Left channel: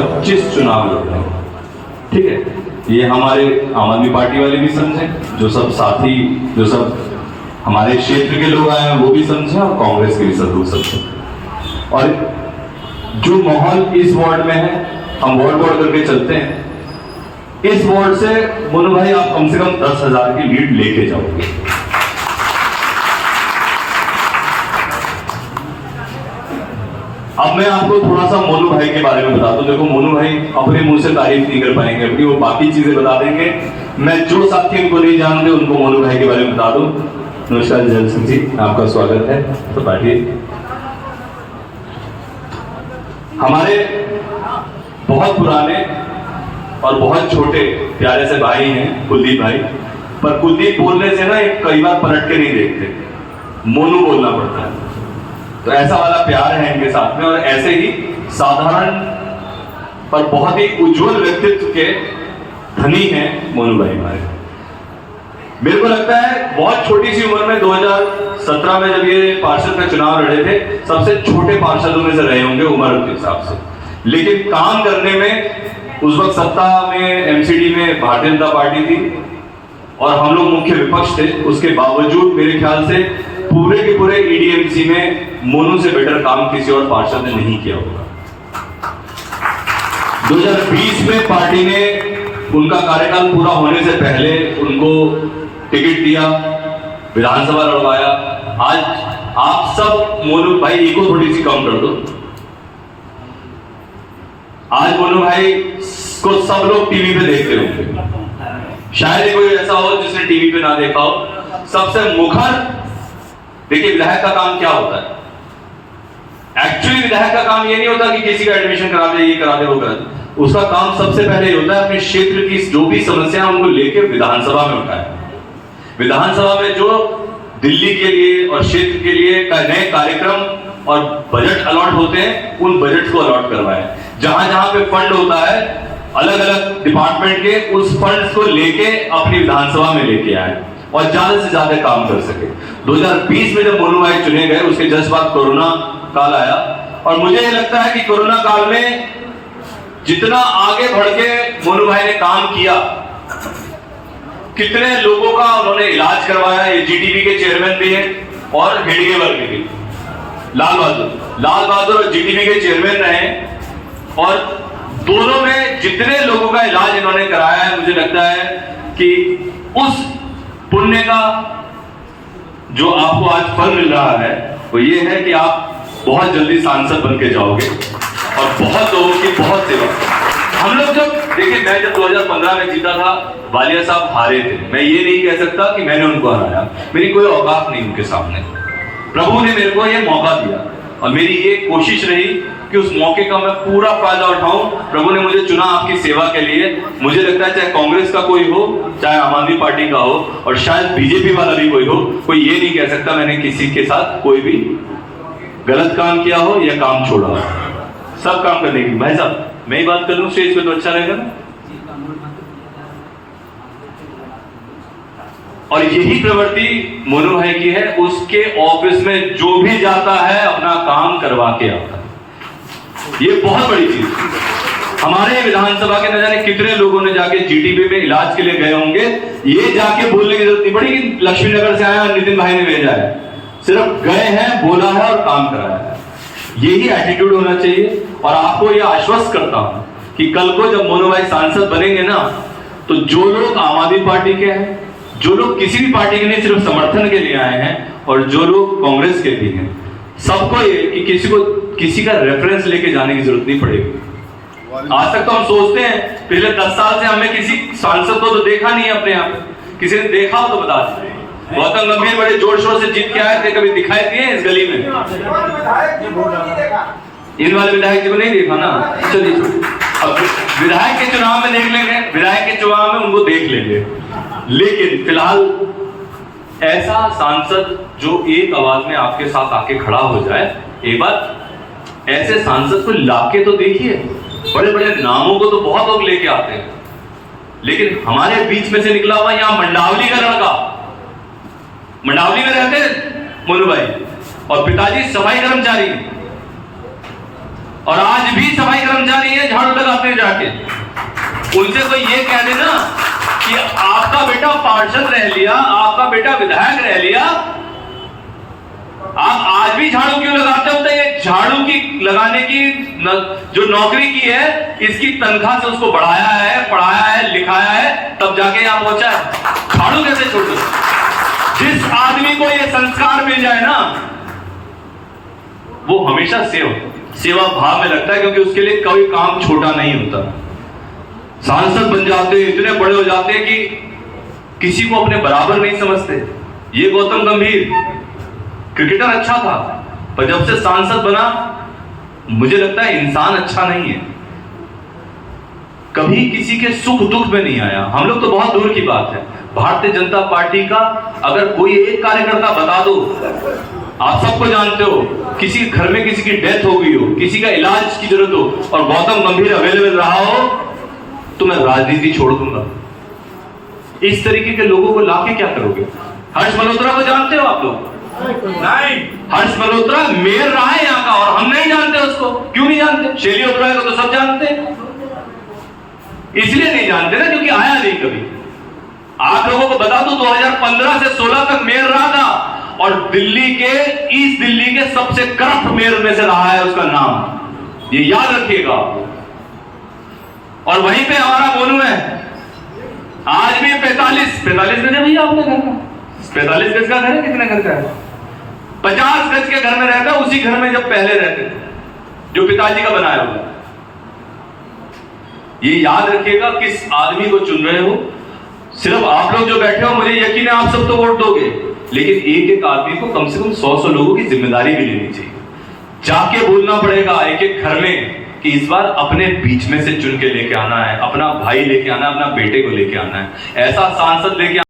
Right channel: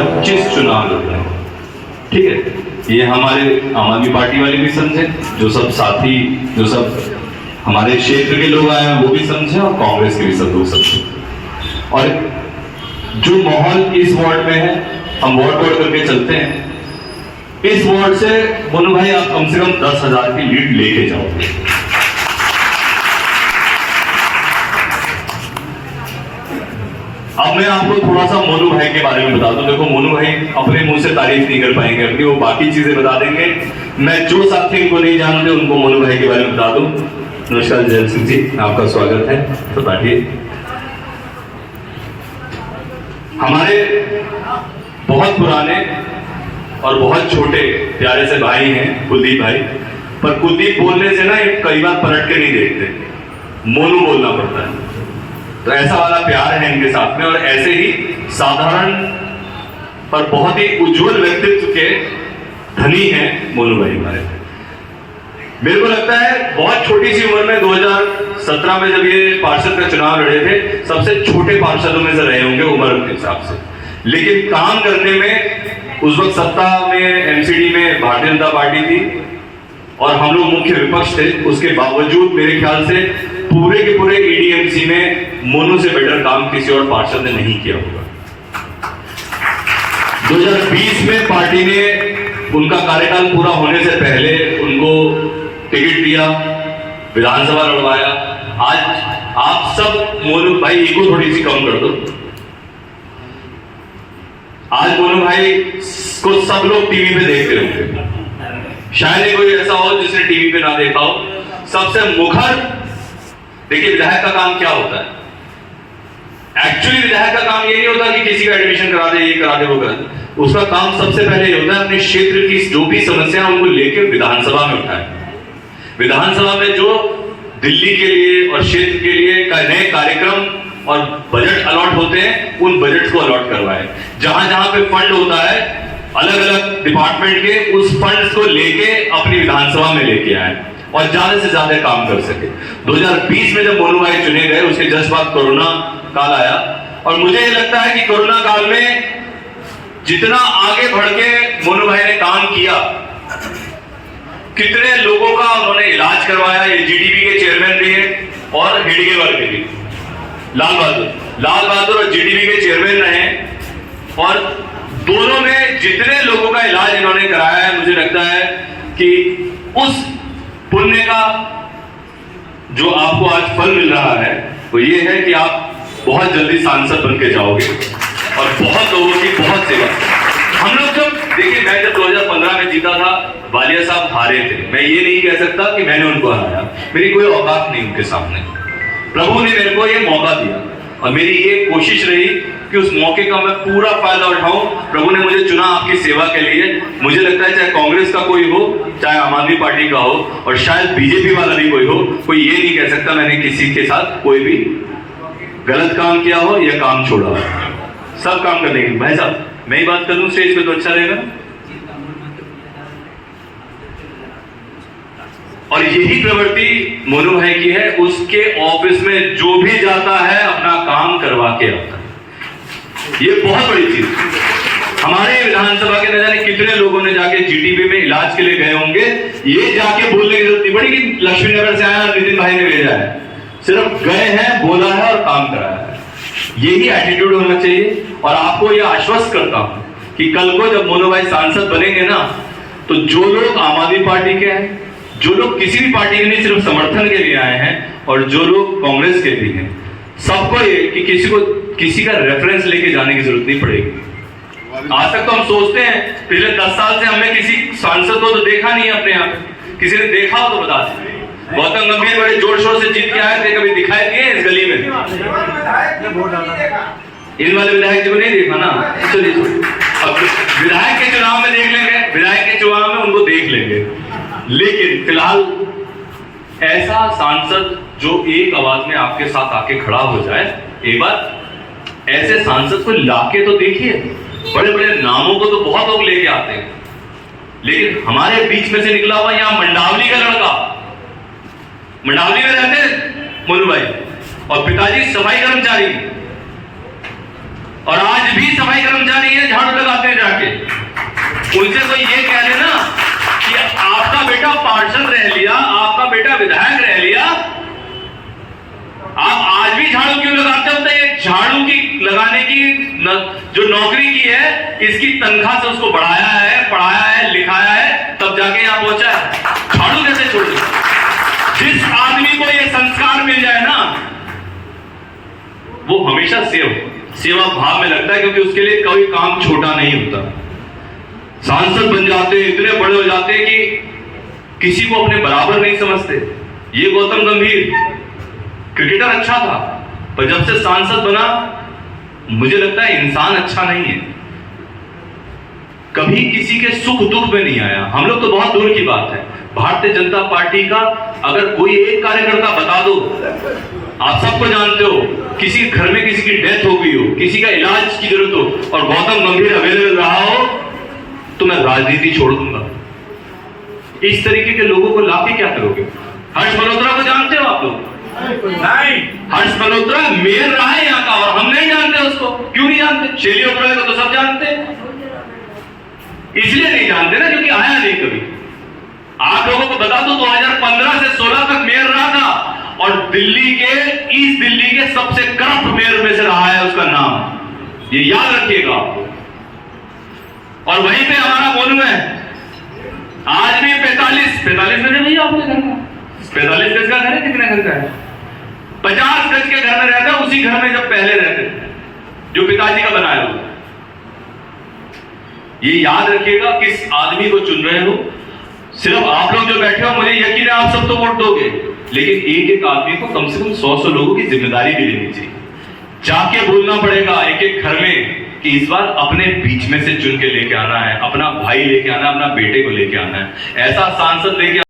25 चुनाव लड़ रहे हैं, ठीक है। ये हमारे आम आदमी पार्टी वाले भी समझे, जो सब साथी, जो सब हमारे क्षेत्र के लोग आए हैं वो भी समझे, और कांग्रेस के भी सब लोग समझे। और जो माहौल इस वार्ड में है, हम वार्ड करके चलते हैं। इस वार्ड से मोनू भाई आप कम से कम 10,000 की लीड लेके जाओगे। अब मैं आपको थोड़ा सा मोनू भाई के बारे में बता दूं। देखो, मोनू भाई अपने मुंह से तारीफ नहीं कर पाएंगे अपनी, वो बाकी चीजें बता देंगे। मैं जो साथी उनको नहीं जानते उनको मोनू भाई के बारे में बता दूं। नमस्कार जय सिंह जी, आपका स्वागत है। तो बैठिए। हमारे बहुत पुराने और बहुत छोटे प्यारे से भाई हैं कुलदीप भाई, पर कुलदीप बोलने से ना एक कई बार पलट के नहीं देखते, मोनू बोलना पड़ता है। तो ऐसा वाला प्यार है इनके साथ में, और ऐसे ही साधारण पर बहुत ही उज्जवल व्यक्तित्व के धनी हैं मोनू भाई हमारे। मेरे को लगता है बहुत छोटी सी उम्र में 2017 में जब ये पार्षद का चुनाव लड़े थे, सबसे छोटे पार्षदों में से रहे होंगे उम्र के हिसाब से, लेकिन काम करने में उस वक्त सत्ता में एमसीडी में भारतीय जनता पार्टी थी और हम लोग मुख्य विपक्ष थे। उसके बावजूद मेरे ख्याल से पूरे के पूरे एडीएमसी में मोनू से बेटर काम किसी और पार्षद ने नहीं किया होगा। 2020 में पार्टी ने उनका कार्यकाल पूरा होने से पहले उनको टिकट दिया, विधानसभा लड़वाया। आज आप सब मोनू भाई ईगो थोड़ी सी कम कर दो। आज मोनू भाई को सब लोग टीवी पे देखते होंगे, शायद कोई ऐसा हो जिसने टीवी पे ना देखा हो। सबसे मुखर, देखिए विधायक का काम क्या होता है। एक्चुअली विधायक का काम ये नहीं होता कि किसी का एडमिशन करा दे, ये करा दे, वो करा दे। उसका काम सबसे पहले ये होता है अपने क्षेत्र की जो भी समस्या है उनको लेकर विधानसभा में उठाए। विधानसभा में जो दिल्ली के लिए और क्षेत्र के लिए नए कार्यक्रम और बजट अलॉट होते हैं, उन बजट को अलॉट करवाए। जहां जहां पे फंड होता है अलग अलग डिपार्टमेंट के, उस फंड को लेके अपनी विधानसभा में लेके आए और ज्यादा से ज्यादा काम कर सके। 2020 में जब मोनू भाई चुने गए, उसके जस्ट बाद कोरोना काल आया, और मुझे ये लगता है कि कोरोना काल में जितना आगे बढ़ के मोनू भाई ने काम किया, कितने लोगों का उन्होंने इलाज करवाया। ये जीटीबी के चेयरमैन भी हैं और हेडगेवर के भी, लाल बहादुर और जीटीबी के चेयरमैन रहे, और दोनों में जितने लोगों का इलाज इन्होंने कराया है, मुझे लगता है कि उस पुण्य का जो आपको आज फल मिल रहा है वो ये है कि आप बहुत जल्दी सांसद बन के जाओगे और बहुत लोगों की बहुत सेवा। हम लोग जब देखिए, मैं जब 2015 में जीता था, वालिया साहब हारे थे। मैं ये नहीं कह सकता कि मैंने उनको हराया, मेरी कोई औकात नहीं उनके सामने। प्रभु ने मेरे को ये मौका दिया और मेरी ये कोशिश रही कि उस मौके का मैं पूरा फायदा उठाऊं। प्रभु ने मुझे चुना आपकी सेवा के लिए। मुझे लगता है चाहे कांग्रेस का कोई हो, चाहे आम आदमी पार्टी का हो, और शायद बीजेपी वाला भी कोई हो, कोई ये नहीं कह सकता मैंने किसी के साथ कोई भी गलत काम किया हो या काम छोड़ा हो। सब काम करने की। भाई साहब, मैं ही बात कर लूं स्टेज पे तो अच्छा रहेगा। और यही प्रवृत्ति मोनू भाई की है। उसके ऑफिस में जो भी जाता है अपना काम करवा के आता है। ये बहुत बड़ी चीज। हमारे विधानसभा के न जाने कितने लोगों ने जाके जीटीबी में इलाज के लिए गए होंगे, ये जाके बोलने की जरूरत नहीं पड़ी कि लक्ष्मी नगर से आया नितिन भाई ने भेजा है। सिर्फ गए हैं, बोला है और काम कराया है। यही एटीट्यूड होना चाहिए। और आपको यह आश्वस्त करता हूं कि कल को जब मोनू भाई सांसद बनेंगे ना, तो जो लोग आम आदमी पार्टी के हैं, जो लोग किसी भी पार्टी के नहीं सिर्फ समर्थन के लिए आए हैं, और जो लोग कांग्रेस के भी हैं, सबको ये कि किसी का रेफरेंस लेके जाने की जरूरत नहीं पड़ेगी। आज तक तो हम सोचते हैं, पिछले 10 साल से हमने किसी सांसद को तो देखा नहीं है अपने यहाँ। किसी ने देखा हो तो बता दें। गौतम गंभीर बड़े जोर शोर से जीत के आए थे, कभी दिखाई दिए इस गली में? इन वाले विधायक जी को नहीं देखा ना। चलिए, अब विधायक के चुनाव में देख लेंगे, विधायक के चुनाव में उनको देख लेंगे। लेकिन फिलहाल ऐसा सांसद जो एक आवाज में आपके साथ आके खड़ा हो जाए, एक बार ऐसे सांसद को लाके तो देखिए। बड़े बड़े नामों को तो बहुत लोग लेके आते हैं, लेकिन हमारे बीच में से निकला हुआ यहां मंडावली का लड़का, मंडावली में रहते मोनू भाई, और पिताजी सफाई कर्मचारी, और आज भी सफाई कर्मचारी है, झाड़ू लगाते हैं जाके। उनसे तो ये कह देना कि आपका बेटा पार्षद रह लिया, आपका बेटा विधायक रह लिया, आप आज भी झाड़ू क्यों लगाते हो? तो ये झाड़ू की लगाने की जो नौकरी की है, इसकी तनख्वाह से उसको बढ़ाया है, पढ़ाया है, लिखाया है, तब जाके यहां पहुंचा है। झाड़ू कैसे छोड़ दे? जिस आदमी को ये संस्कार मिल जाए ना, वो हमेशा सेवा भाव में लगता है, क्योंकि उसके लिए कोई काम छोटा नहीं होता। सांसद बन जाते, इतने बड़े हो जाते कि किसी को अपने बराबर नहीं समझते। ये गौतम गंभीर क्रिकेटर अच्छा था, पर जब से सांसद बना, मुझे लगता है इंसान अच्छा नहीं है। कभी किसी के सुख दुख में नहीं आया। हम लोग तो बहुत दूर की बात है, भारतीय जनता पार्टी का अगर कोई एक कार्यकर्ता बता दो, आप सबको जानते हो, किसी घर में किसी की डेथ हो गई हो, किसी का इलाज की जरूरत हो और गौतम गंभीर अवेलेबल रहा हो, तो मैं राजनीति छोड़ दूंगा। इस तरीके के लोगों को लाके क्या करोगे? हर्ष मल्होत्रा को जानते हो आप लोग? नहीं। हर्ष मल्होत्रा मेयर रहा है यहाँ का, और हम नहीं जानते उसको। क्यों नहीं जानते? शैली ओबराय को तो सब जानते हैं। इसलिए नहीं जानते ना क्योंकि आया नहीं कभी। आप लोगों को बता दूं, 2015 से 16 तक मेयर रहा था, और दिल्ली के, ईस्ट दिल्ली के सबसे करप्ट मेयर में से रहा है उसका नाम, ये याद रखिएगा आपको। और वहीं पे हमारा मोनू है, आज भी 45 गज है भैया आपके घर का? 45 गज का घर है? कितने घर का है? 50 गज के घर में रहते हैं, उसी घर में जब पहले रहते थे, जो पिताजी का बनाया हुआ। ये याद रखिएगा, किस आदमी को चुन रहे हो। सिर्फ आप लोग जो बैठे हो, मुझे यकीन है आप सब तो वोट दोगे, लेकिन एक एक आदमी को कम से कम 100 लोगों की जिम्मेदारी भी लेनी चाहिए। जाके बोलना पड़ेगा एक एक घर में कि इस बार अपने बीच में से चुन के लेके आना है, अपना भाई लेके आना है, अपना बेटे को लेके आना है। ऐसा सांसद लेके